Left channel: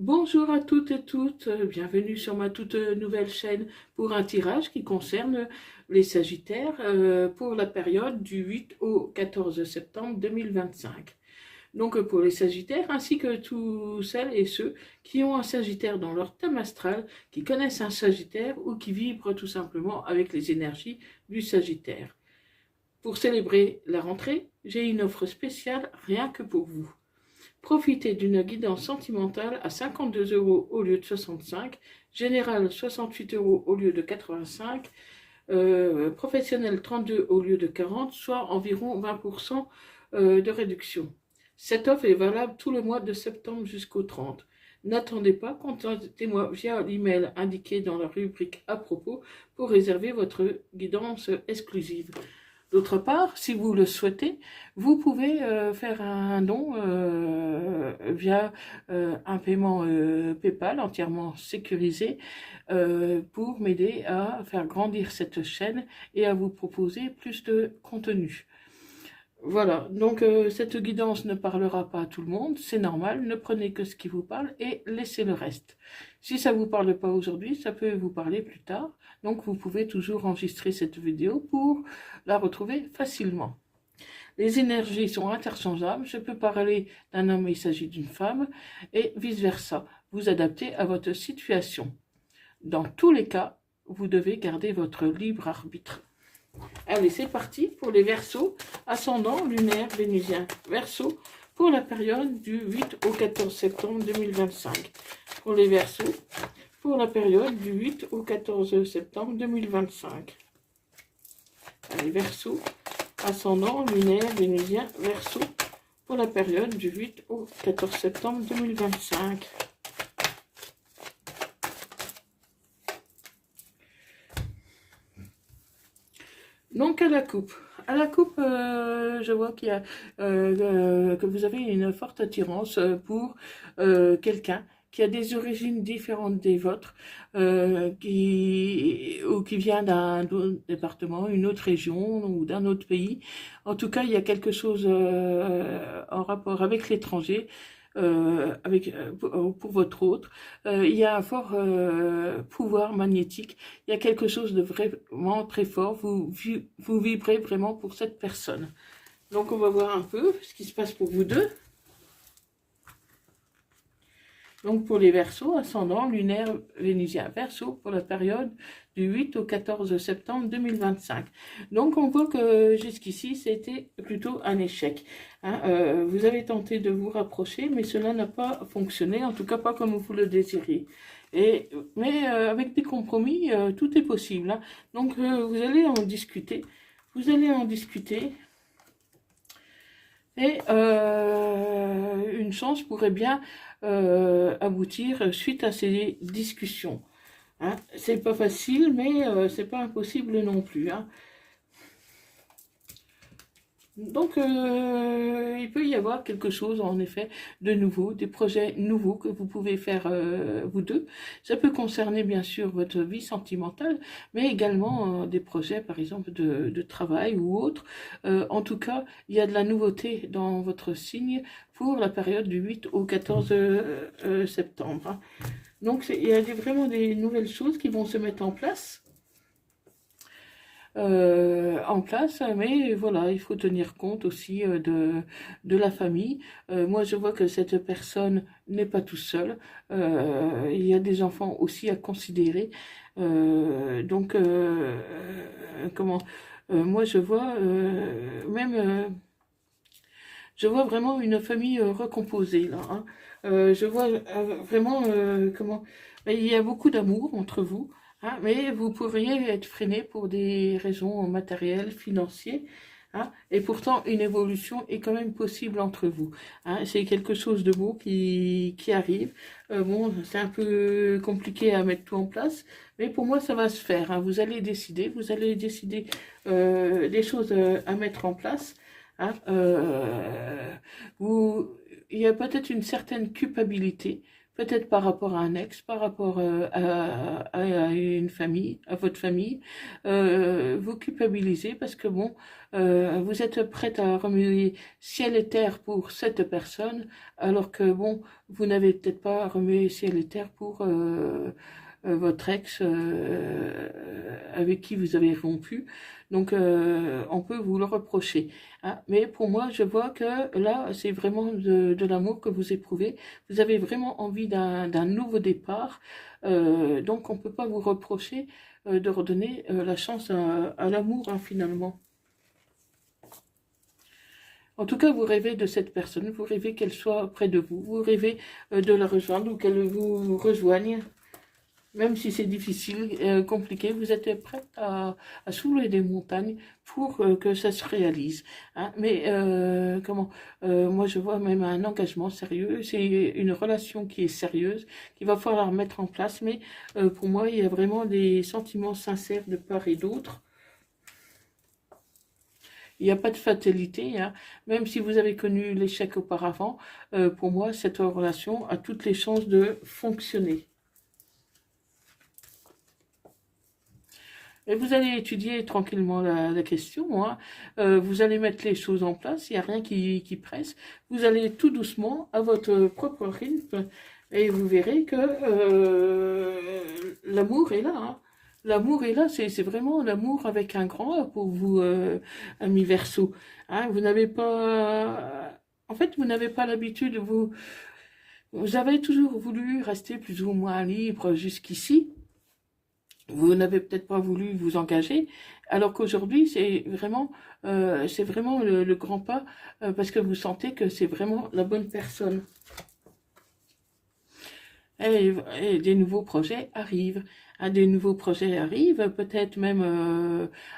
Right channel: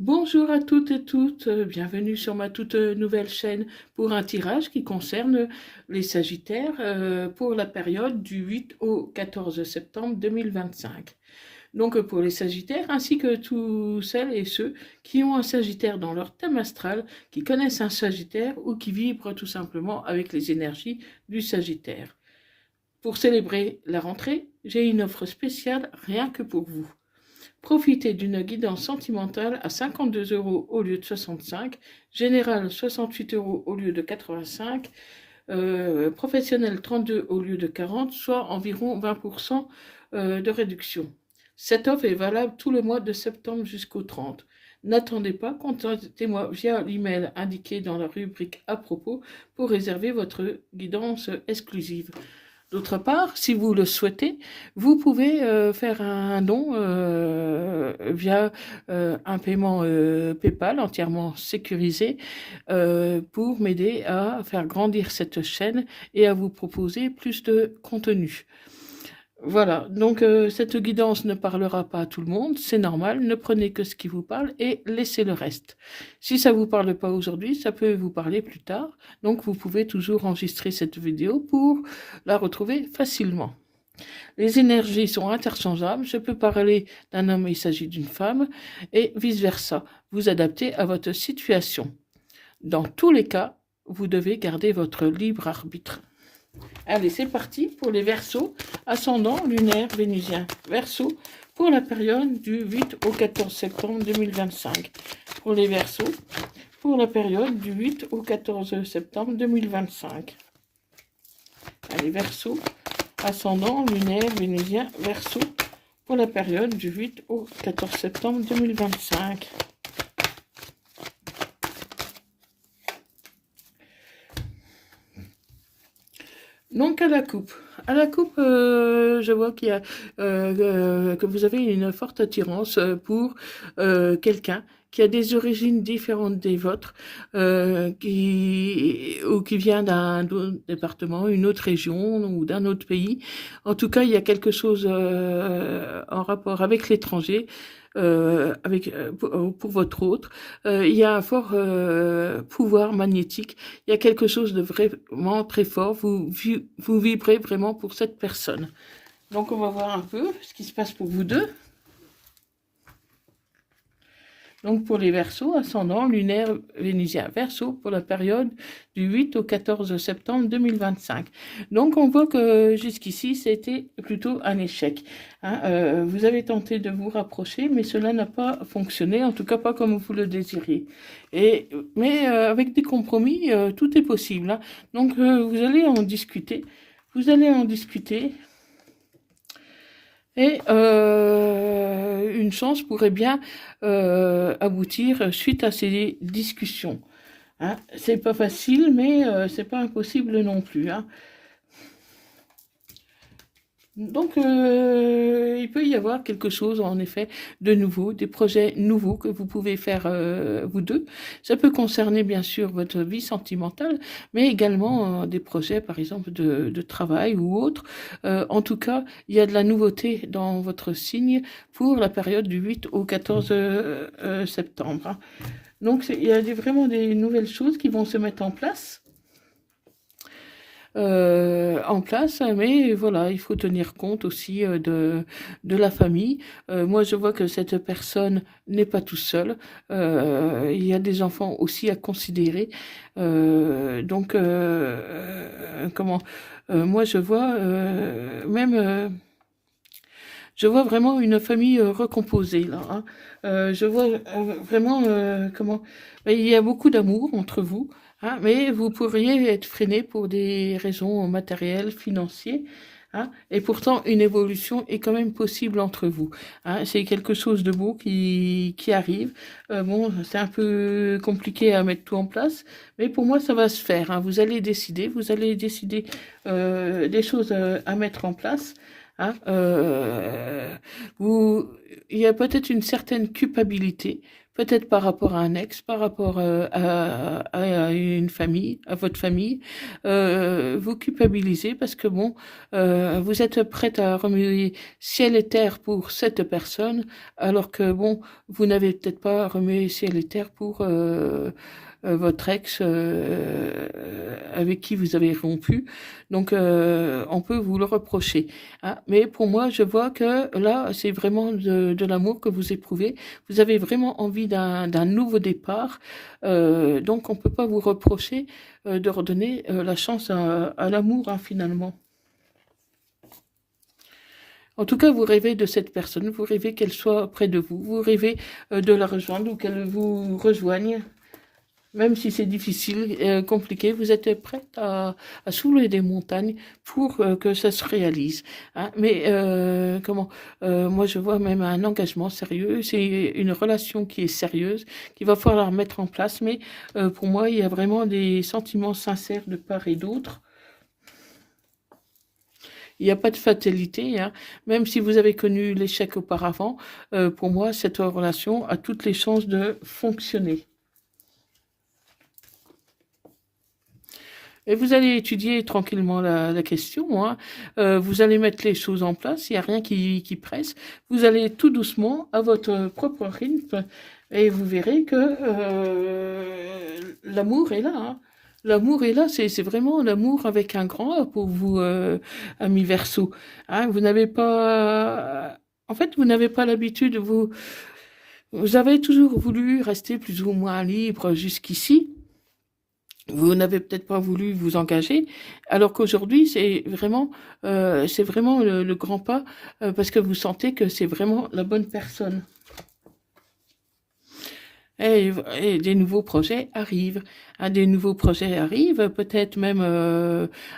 Bonjour à toutes et toutes, bienvenue sur ma toute nouvelle chaîne pour un tirage qui concerne les Sagittaires pour la période du 8 au 14 septembre 2025. Donc pour les Sagittaires ainsi que tous celles et ceux qui ont un Sagittaire dans leur thème astral, qui connaissent un Sagittaire ou qui vibrent tout simplement avec les énergies du Sagittaire. Pour célébrer la rentrée, j'ai une offre spéciale rien que pour vous. Profitez d'une guidance sentimentale à 52 € au lieu de 65, générale 68 € au lieu de 85, professionnel 32 au lieu de 40, soit environ 20% de réduction. Cette offre est valable tout le mois de septembre jusqu'au 30. N'attendez pas, contactez-moi via l'email indiqué dans la rubrique à propos pour réserver votre guidance exclusive. D'autre part, si vous le souhaitez, vous pouvez faire un don via un paiement PayPal entièrement sécurisé pour m'aider à faire grandir cette chaîne et à vous proposer plus de contenu. Voilà, donc cette guidance ne parlera pas à tout le monde, c'est normal, ne prenez que ce qui vous parle et laissez le reste. Si ça ne vous parle pas aujourd'hui, ça peut vous parler plus tard, donc vous pouvez toujours enregistrer cette vidéo pour la retrouver facilement. Les énergies sont interchangeables, je peux parler d'un homme et il s'agit d'une femme, et vice-versa, vous adaptez à votre situation. Dans tous les cas, vous devez garder votre libre arbitre. Allez, c'est parti pour les Verseaux, ascendant lunaire vénusien. Verseau pour la période du 8 au 14 septembre 2025. Pour les Verseaux, pour la période du 8 au 14 septembre 2025. Allez, Verseau, ascendant lunaire vénusien, Verseau pour la période du 8 au 14 septembre 2025. Donc à la coupe. À la coupe, je vois qu'il y a, que vous avez une forte attirance pour quelqu'un qui a des origines différentes des vôtres, ou qui vient d'un autre département, une autre région ou d'un autre pays. En tout cas, il y a quelque chose en rapport avec l'étranger. Pour votre autre, il y a un fort pouvoir magnétique, il y a quelque chose de vraiment très fort, vous vibrez vraiment pour cette personne. Donc on va voir un peu ce qui se passe pour vous deux. Donc pour les Verseaux, ascendant lunaire vénusien, Verseau pour la période du 8 au 14 septembre 2025. Donc on voit que jusqu'ici c'était plutôt un échec. Vous avez tenté de vous rapprocher, mais cela n'a pas fonctionné, en tout cas pas comme vous le désiriez. Mais avec des compromis, tout est possible. Donc vous allez en discuter. Vous allez en discuter. Et une chance pourrait bien aboutir suite à ces discussions. C'est pas facile, mais c'est pas impossible non plus. Donc, il peut y avoir quelque chose, en effet, de nouveau, des projets nouveaux que vous pouvez faire vous deux. Ça peut concerner, bien sûr, votre vie sentimentale, mais également des projets, par exemple, de travail ou autre. En tout cas, il y a de la nouveauté dans votre signe pour la période du 8 au 14 septembre. Donc, il y a vraiment des nouvelles choses qui vont se mettre en place. Mais voilà, il faut tenir compte aussi de la famille. Moi, je vois que cette personne n'est pas tout seul. Il y a des enfants aussi à considérer. Moi, je vois je vois vraiment une famille recomposée là. Je vois vraiment il y a beaucoup d'amour entre vous. Mais vous pourriez être freiné pour des raisons matérielles, financières. Et pourtant, une évolution est quand même possible entre vous. C'est quelque chose de beau qui arrive. Bon, c'est un peu compliqué à mettre tout en place, mais pour moi, ça va se faire. Vous allez décider des choses à mettre en place. Hein, il y a peut-être une certaine culpabilité, peut-être par rapport à un ex, par rapport à une famille, à votre famille. Vous culpabilisez parce que bon, vous êtes prête à remuer ciel et terre pour cette personne, alors que bon, vous n'avez peut-être pas remué ciel et terre pour votre ex avec qui vous avez rompu. Donc, on peut vous le reprocher, hein. Mais pour moi, je vois que là, c'est vraiment de l'amour que vous éprouvez. Vous avez vraiment envie d'un nouveau départ. Donc, on ne peut pas vous reprocher de redonner la chance à l'amour, hein, finalement. En tout cas, vous rêvez de cette personne, vous rêvez qu'elle soit près de vous, vous rêvez de la rejoindre ou qu'elle vous rejoigne. Même si c'est difficile, compliqué, vous êtes prête à soulever des montagnes pour que ça se réalise, hein. Mais moi je vois même un engagement sérieux, c'est une relation qui est sérieuse, qu'il va falloir mettre en place. Mais pour moi, il y a vraiment des sentiments sincères de part et d'autre. Il n'y a pas de fatalité, hein. Même si vous avez connu l'échec auparavant, pour moi, cette relation a toutes les chances de fonctionner. Et vous allez étudier tranquillement la question, hein. Vous allez mettre les choses en place, il n'y a rien qui presse. Vous allez tout doucement, à votre propre rythme, et vous verrez que l'amour est là, hein. L'amour est là, c'est vraiment l'amour avec un grand A pour vous, amis Verseau, hein. Vous n'avez pas... En fait, vous n'avez pas l'habitude, vous avez toujours voulu rester plus ou moins libre jusqu'ici. Vous n'avez peut-être pas voulu vous engager, alors qu'aujourd'hui, c'est vraiment le grand pas, parce que vous sentez que c'est vraiment la bonne personne. Et des nouveaux projets arrivent. Hein, des nouveaux projets arrivent, peut-être même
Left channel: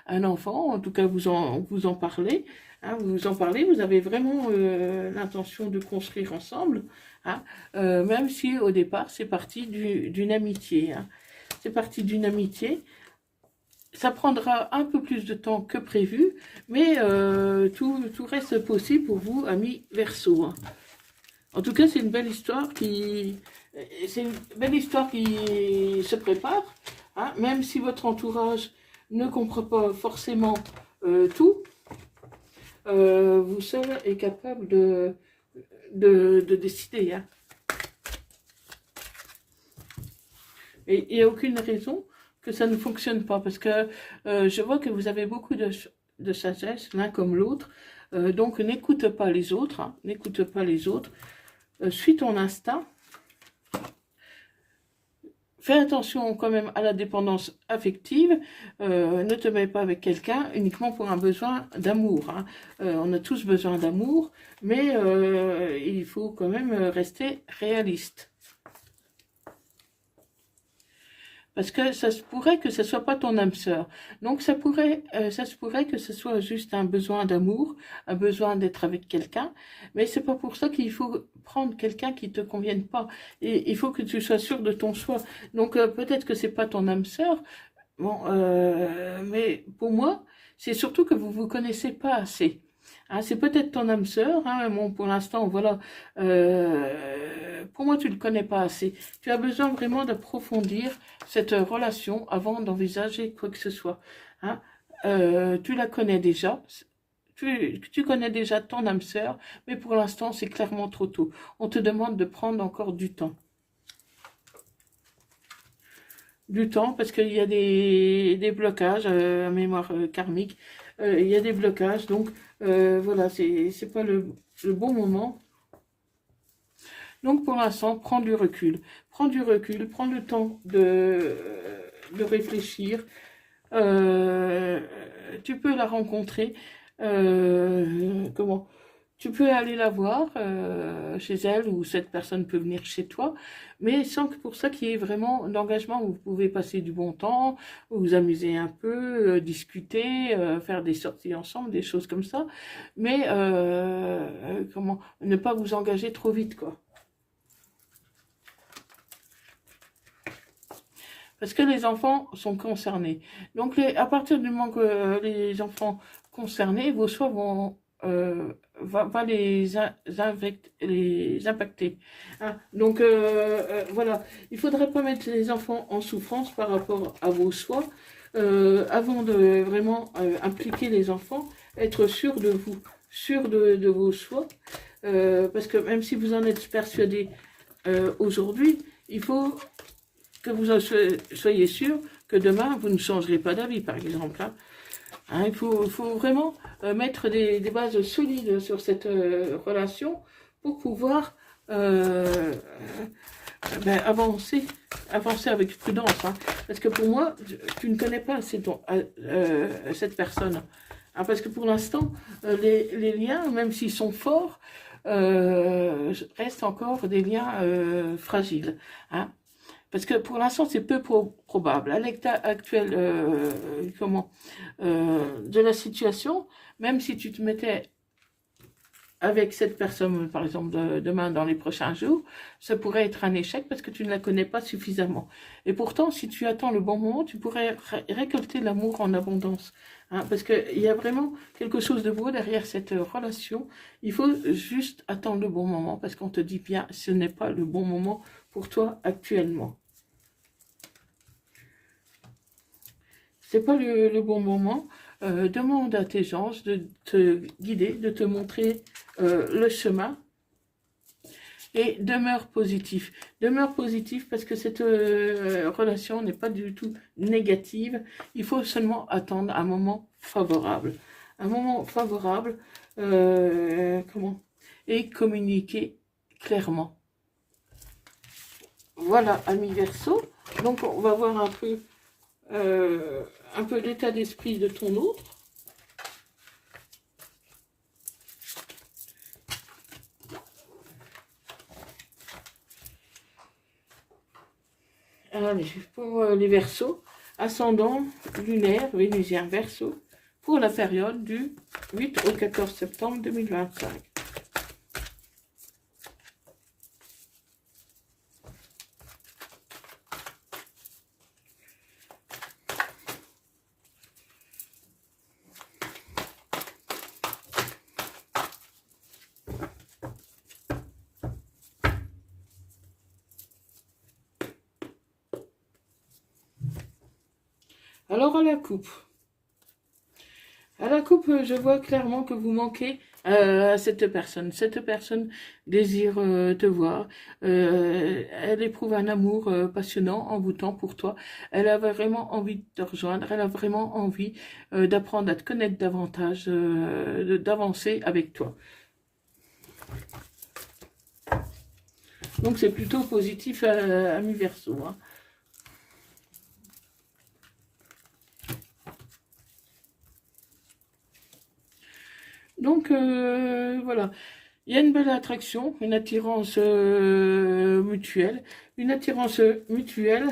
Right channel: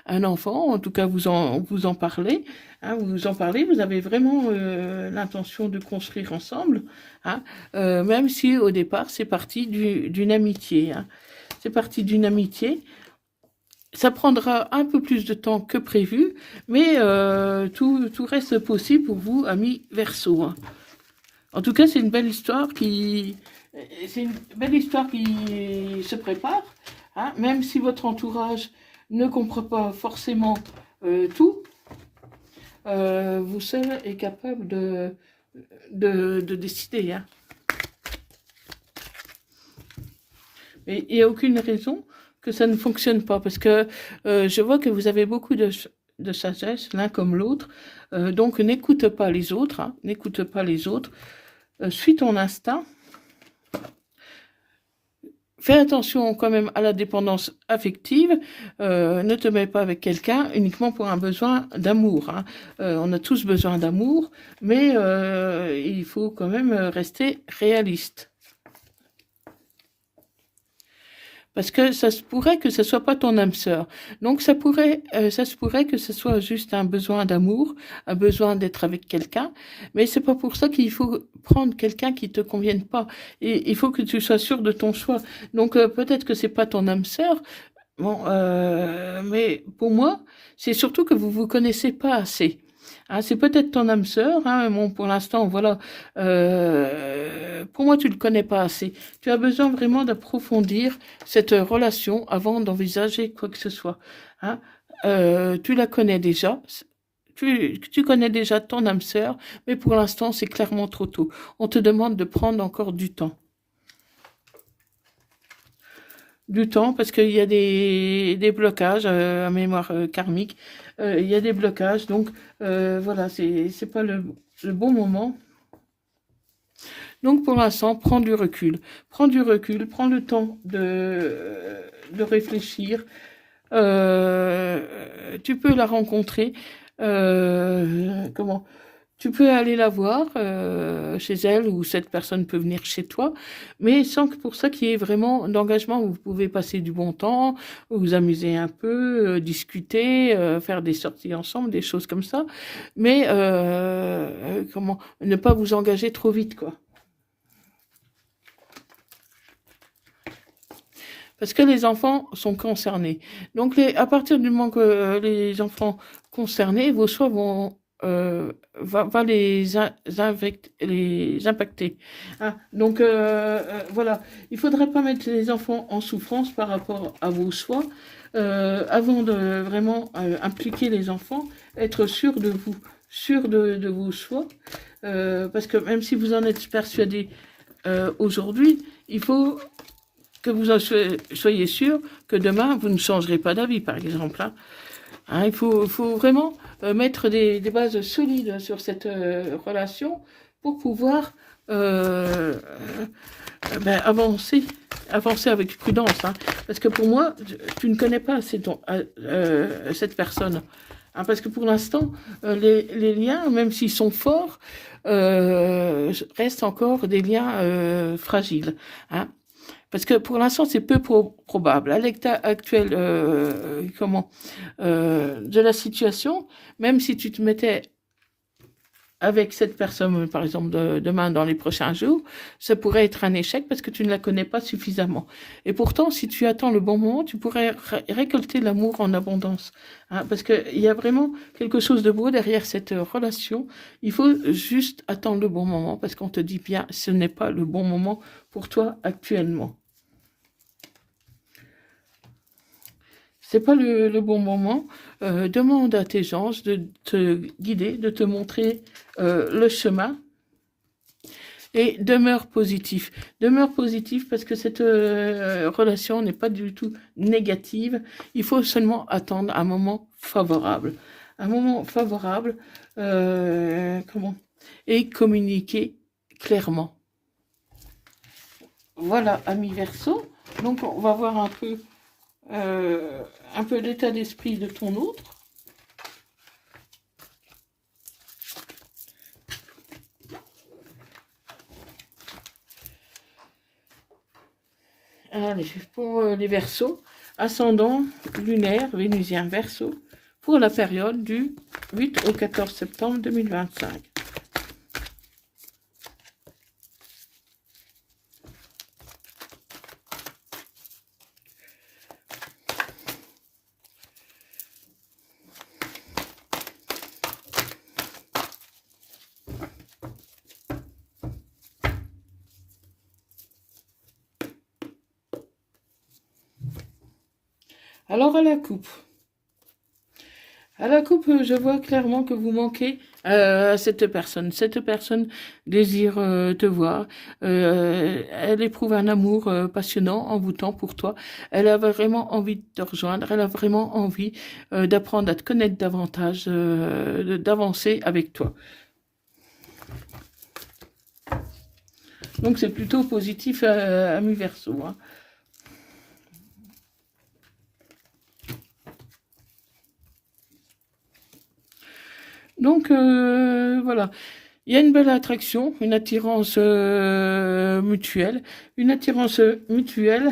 un enfant, en tout cas vous en parlez. Hein, vous en parlez, vous avez vraiment l'intention de construire ensemble, hein, même si au départ c'est parti d'une amitié, hein. C'est parti d'une amitié. Ça prendra un peu plus de temps que prévu, mais tout reste possible pour vous, amis Verseau, hein. En tout cas, c'est une belle histoire qui se prépare, hein. Même si votre entourage ne comprend pas forcément tout, vous seul est capable de décider, hein. Et il n'y a aucune raison que ça ne fonctionne pas, parce que je vois que vous avez beaucoup de sagesse, l'un comme l'autre. Donc n'écoute pas les autres, hein, n'écoute pas les autres. Suis ton instinct. Fais attention quand même à la dépendance affective. Ne te mets pas avec quelqu'un uniquement pour un besoin d'amour, hein. On a tous besoin d'amour, mais il faut quand même rester réaliste. Parce que ça se pourrait que ce ne soit pas ton âme sœur. Donc ça se pourrait que ce soit juste un besoin d'amour, un besoin d'être avec quelqu'un. Mais c'est pas pour ça qu'il faut prendre quelqu'un qui te convienne pas. Et il faut que tu sois sûr de ton choix. Donc peut-être que c'est pas ton âme sœur. Bon, mais pour moi, c'est surtout que vous vous connaissez pas assez. Hein, c'est peut-être ton âme sœur, hein. Bon, pour l'instant, voilà. Pour moi, tu ne le connais pas assez. Tu as besoin vraiment d'approfondir cette relation avant d'envisager quoi que ce soit, hein. Tu la connais déjà. Tu connais déjà ton âme sœur, mais pour l'instant, c'est clairement trop tôt. On te demande de prendre encore du temps. Du temps, parce qu'il y a des blocages à mémoire karmique. Il y a des blocages, donc voilà, c'est pas le bon moment. Donc pour l'instant, prends du recul. Prends du recul, prends le temps de réfléchir. Tu peux la rencontrer. Comment? Tu peux aller la voir chez elle, ou cette personne peut venir chez toi, mais sans que pour ça qu'il y ait vraiment d'engagement. Vous pouvez passer du bon temps, vous amuser un peu, discuter, faire des sorties ensemble, des choses comme ça, mais ne pas vous engager trop vite, quoi. Parce que les enfants sont concernés. Donc à partir du moment que les enfants concernés, vos choix vont va les impacter. Hein. Donc voilà, il ne faudrait pas mettre les enfants en souffrance par rapport à vos choix. Avant de vraiment impliquer les enfants, être sûr de vous, sûr de vos choix, parce que même si vous en êtes persuadé aujourd'hui, il faut que vous en soyez sûr que demain, vous ne changerez pas d'avis, par exemple. Hein. Hein, il faut vraiment mettre des bases solides sur cette relation pour pouvoir avancer avec prudence. Hein. Parce que pour moi, tu ne connais pas cette personne. Hein, parce que pour l'instant, les liens, même s'ils sont forts, restent encore des liens fragiles. Hein. Parce que pour l'instant, c'est peu probable. À l'état actuel de la situation, même si tu te mettais avec cette personne, par exemple, demain, dans les prochains jours, ça pourrait être un échec parce que tu ne la connais pas suffisamment. Et pourtant, si tu attends le bon moment, tu pourrais récolter l'amour en abondance. Hein, parce qu'il y a vraiment quelque chose de beau derrière cette relation. Il faut juste attendre le bon moment parce qu'on te dit bien, ce n'est pas le bon moment pour toi actuellement. C'est pas le bon moment. Demande à tes anges de te guider, de te montrer le chemin. Et demeure positif. Demeure positif parce que cette relation n'est pas du tout négative. Il faut seulement attendre un moment favorable. Un moment favorable, et communiquer clairement. Voilà, ami Verseau. Donc, on va voir un peu l'état d'esprit de ton autre. Allez, pour les Verseaux, ascendant lunaire, vénusien Verseau, pour la période du 8 au 14 septembre 2025. Alors à la coupe. À la coupe, je vois clairement que vous manquez à cette personne. Cette personne désire te voir. Elle éprouve un amour passionnant, envoûtant pour toi. Elle a vraiment envie de te rejoindre. Elle a vraiment envie d'apprendre à te connaître davantage, d'avancer avec toi. Donc c'est plutôt positif à mi-verso. Hein. Donc, voilà. Il y a une belle attraction, une attirance mutuelle. Une attirance mutuelle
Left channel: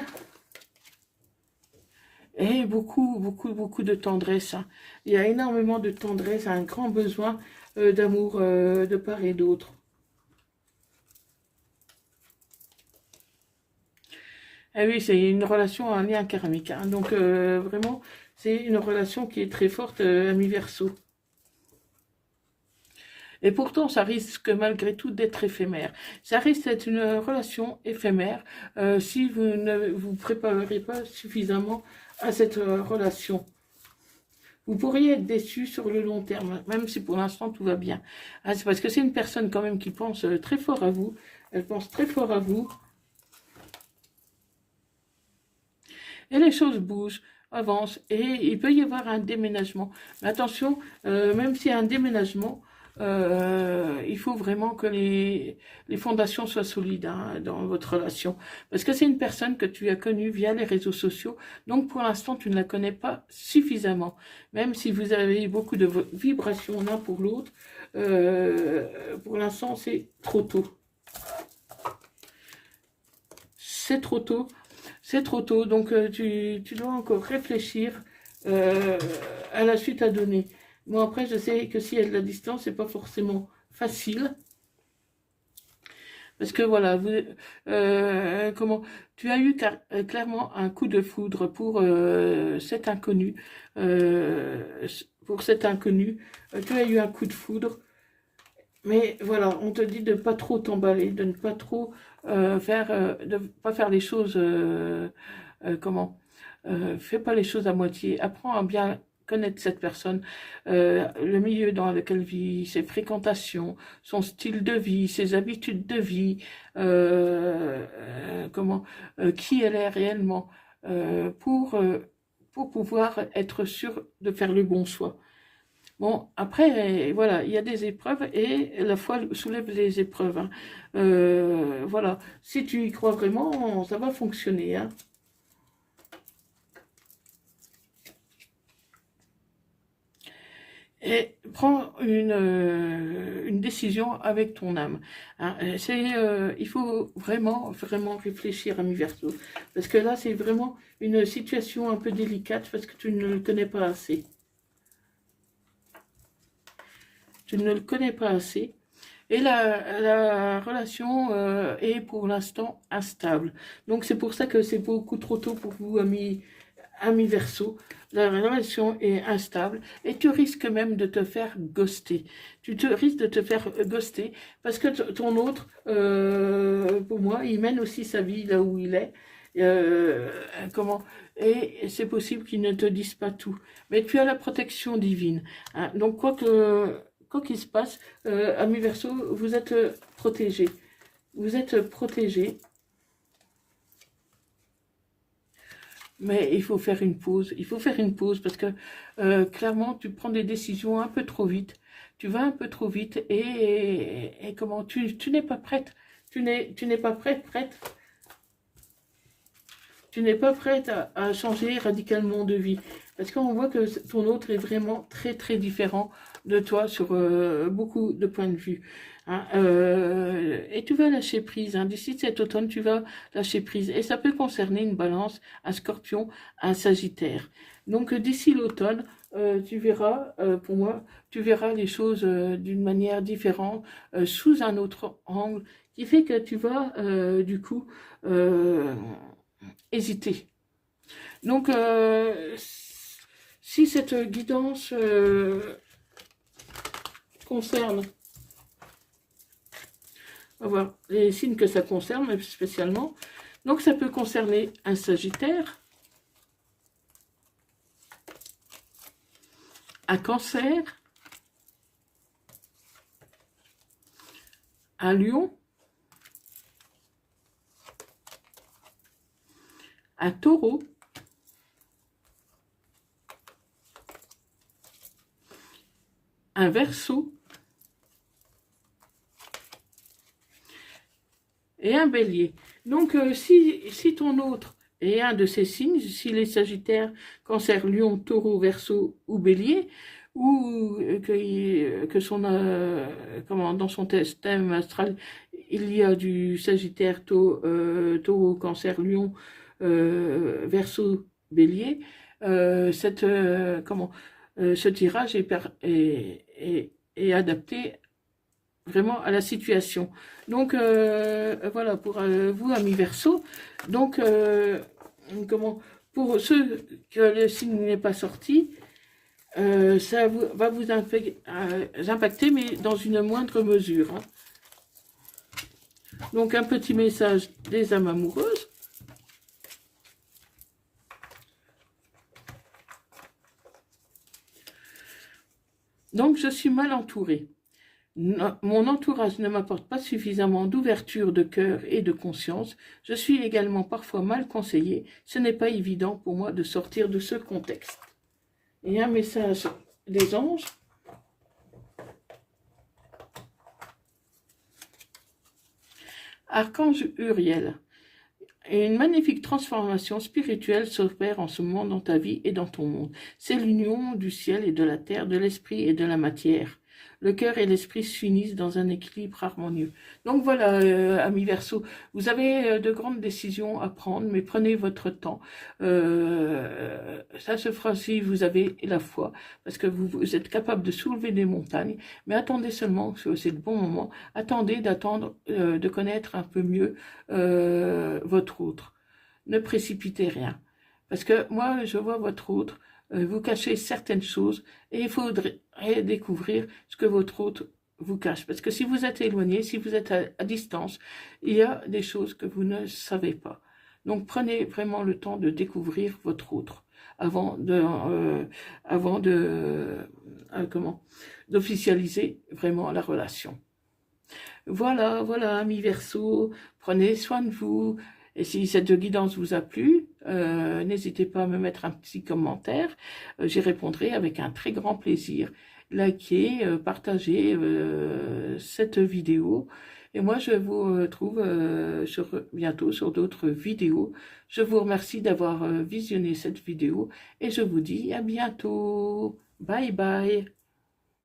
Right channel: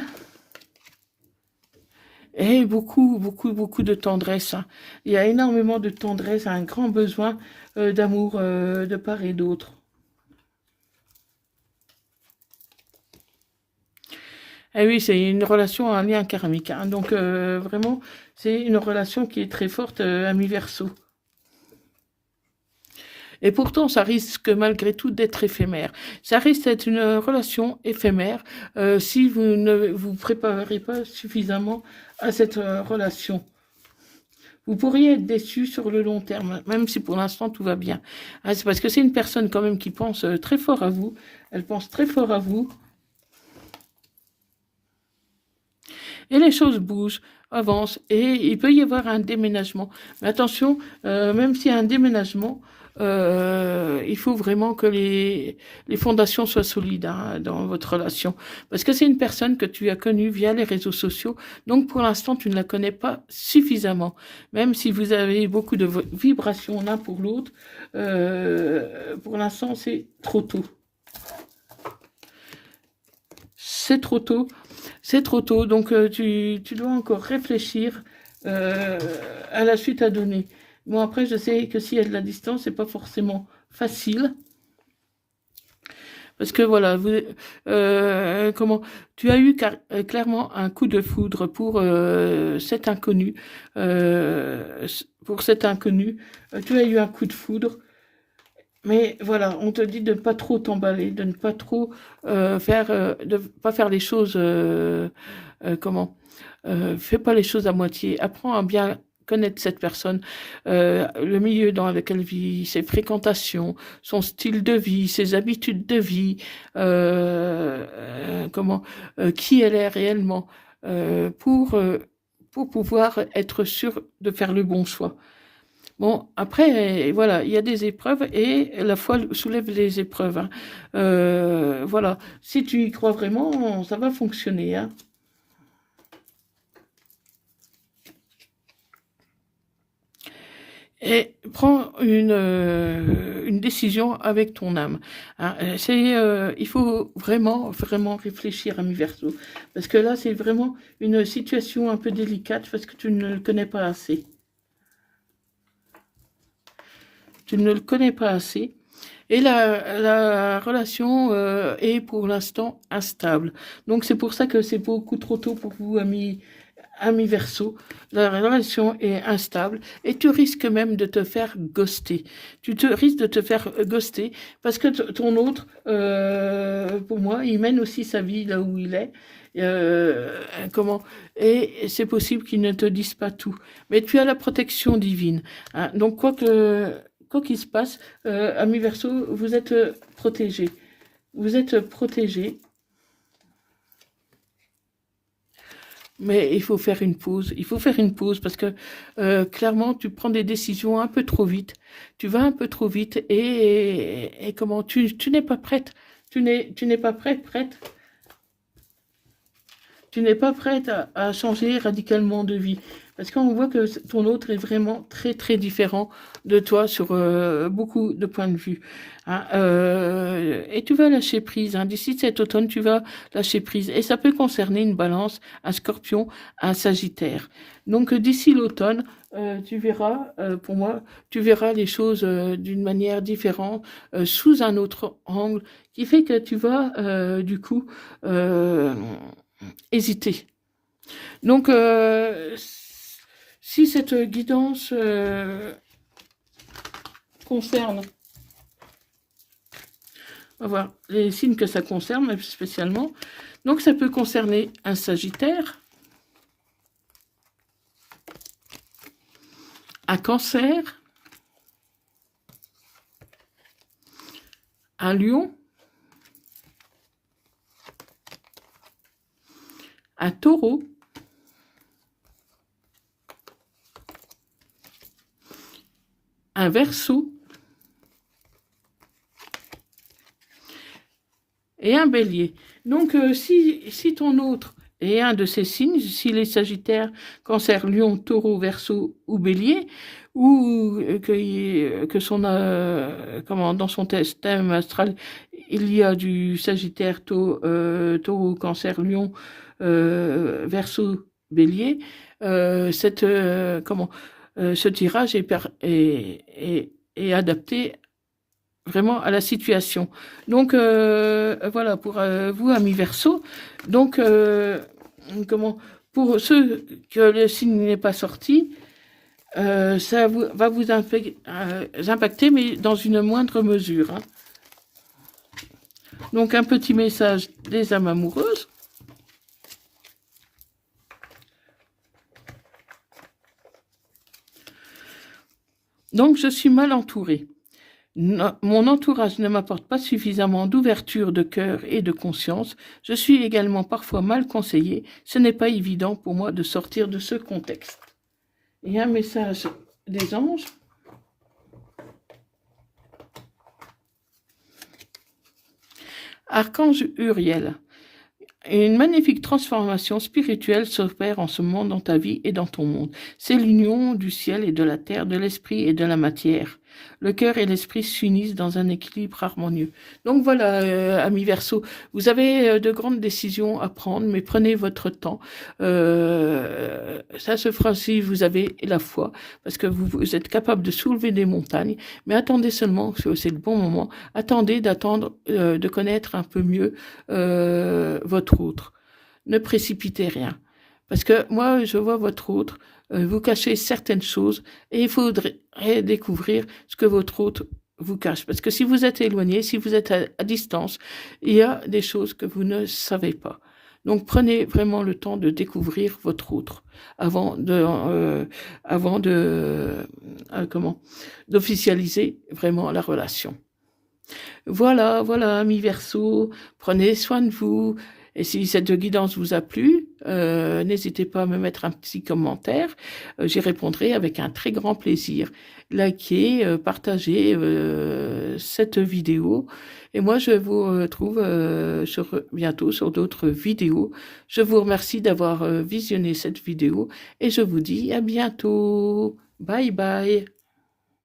et beaucoup, beaucoup, beaucoup de tendresse. Hein. Il y a énormément de tendresse, un grand besoin d'amour de part et d'autre. Ah oui, c'est une relation, un lien karmique. Hein. Donc, vraiment, c'est une relation qui est très forte à mi-verso. Et pourtant, ça risque malgré tout d'être éphémère. Ça risque d'être une relation éphémère si vous ne vous préparez pas suffisamment à cette relation. Vous pourriez être déçu sur le long terme, même si pour l'instant tout va bien. Ah, c'est parce que c'est une personne quand même qui pense très fort à vous. Elle pense très fort à vous. Et les choses bougent, avancent, et il peut y avoir un déménagement. Mais attention, même s'il y a un déménagement, il faut vraiment que les fondations soient solides hein, dans votre relation. Parce que c'est une personne que tu as connue via les réseaux sociaux, donc pour l'instant tu ne la connais pas suffisamment. Même si vous avez beaucoup de vibrations l'un pour l'autre, pour l'instant c'est trop tôt. C'est trop tôt. C'est trop tôt, donc tu dois encore réfléchir à la suite à donner. Bon, après, je sais que s'il y a de la distance, c'est pas forcément facile. Parce que voilà, tu as eu clairement un coup de foudre pour cet inconnu. pour cet inconnu. Tu as eu un coup de foudre. Mais voilà, on te dit de ne pas trop t'emballer, de ne pas trop de pas faire les choses, comment, fais pas les choses à moitié. Apprends à bien connaître cette personne, le milieu dans lequel elle vit, ses fréquentations, son style de vie, ses habitudes de vie, comment, qui elle est réellement, pour pouvoir être sûr de faire le bon choix. Bon, après, voilà, il y a des épreuves et la foi soulève les épreuves, hein. Voilà, si tu y crois vraiment, ça va fonctionner, hein. Et prends une décision avec ton âme, hein. Il faut vraiment, vraiment réfléchir à mi-verso. Parce que là, c'est vraiment une situation un peu délicate parce que tu ne le connais pas assez. Tu ne le connais pas assez. Et la relation est pour l'instant instable. Donc c'est pour ça que c'est beaucoup trop tôt pour vous, amis Verseau. La relation est instable et tu risques même de te faire ghoster. Tu te risques de te faire ghoster parce que ton autre, pour moi, il mène aussi sa vie là où il est. Comment et c'est possible qu'il ne te dise pas tout, mais tu as la protection divine, hein. Donc quoi qu'il se passe, amis Verseau, vous êtes protégés. Vous êtes protégés. Mais il faut faire une pause. Il faut faire une pause parce que clairement, tu prends des décisions un peu trop vite. Tu vas un peu trop vite et comment tu n'es pas prête. Tu n'es pas prête. Tu n'es pas prête à changer radicalement de vie. Parce qu'on voit que ton autre est vraiment très, très différent de toi sur beaucoup de points de vue, hein. Et tu vas lâcher prise, hein. D'ici cet automne, tu vas lâcher prise. Et ça peut concerner une balance, un scorpion, un sagittaire. Donc d'ici l'automne, tu verras, pour moi, tu verras les choses d'une manière différente, sous un autre angle, qui fait que tu vas, du coup, hésiter. Donc, si cette guidance concerne, on va voir les signes que ça concerne spécialement. Donc, ça peut concerner un Sagittaire, un Cancer, un Lion, un Taureau, un Verseau et un Bélier. Donc, si ton autre est un de ces signes, s'il est Sagittaire, Cancer, Lion, Taureau, Verseau ou Bélier, ou que dans son thème astral, il y a du Sagittaire, Taureau, Cancer, Lion, Verseau, Bélier, ce tirage est adapté vraiment à la situation. Donc, voilà, pour vous, amis Verseau. Donc, pour ceux que le signe n'est pas sorti, ça va vous impacter, mais dans une moindre mesure, hein. Donc, un petit message des âmes amoureuses. Donc, je suis mal entourée. Mon entourage ne m'apporte pas suffisamment d'ouverture de cœur et de conscience. Je suis également parfois mal conseillée. Ce n'est pas évident pour moi de sortir de ce contexte. Et un message des anges. Archange Uriel. Une magnifique transformation spirituelle s'opère en ce moment dans ta vie et dans ton monde. C'est l'union du ciel et de la terre, de l'esprit et de la matière. Le cœur et l'esprit s'unissent dans un équilibre harmonieux. Donc voilà, amis Verseau, vous avez de grandes décisions à prendre, mais prenez votre temps. Ça se fera si vous avez la foi, parce que vous êtes capable de soulever des montagnes, mais attendez seulement, c'est le bon moment, de connaître un peu mieux votre autre. Ne précipitez rien. Parce que moi, je vois votre autre, vous cachez certaines choses et il faudrait découvrir ce que votre hôte vous cache. Parce que si vous êtes éloigné, si vous êtes à distance, il y a des choses que vous ne savez pas. Donc prenez vraiment le temps de découvrir votre autre avant de d'officialiser vraiment la relation. Voilà, voilà, amis Verseau, prenez soin de vous. Et si cette guidance vous a plu, n'hésitez pas à me mettre un petit commentaire. J'y répondrai avec un très grand plaisir. Likez, partagez cette vidéo. Et moi, je vous retrouve bientôt sur d'autres vidéos. Je vous remercie d'avoir visionné cette vidéo et je vous dis à bientôt. Bye bye.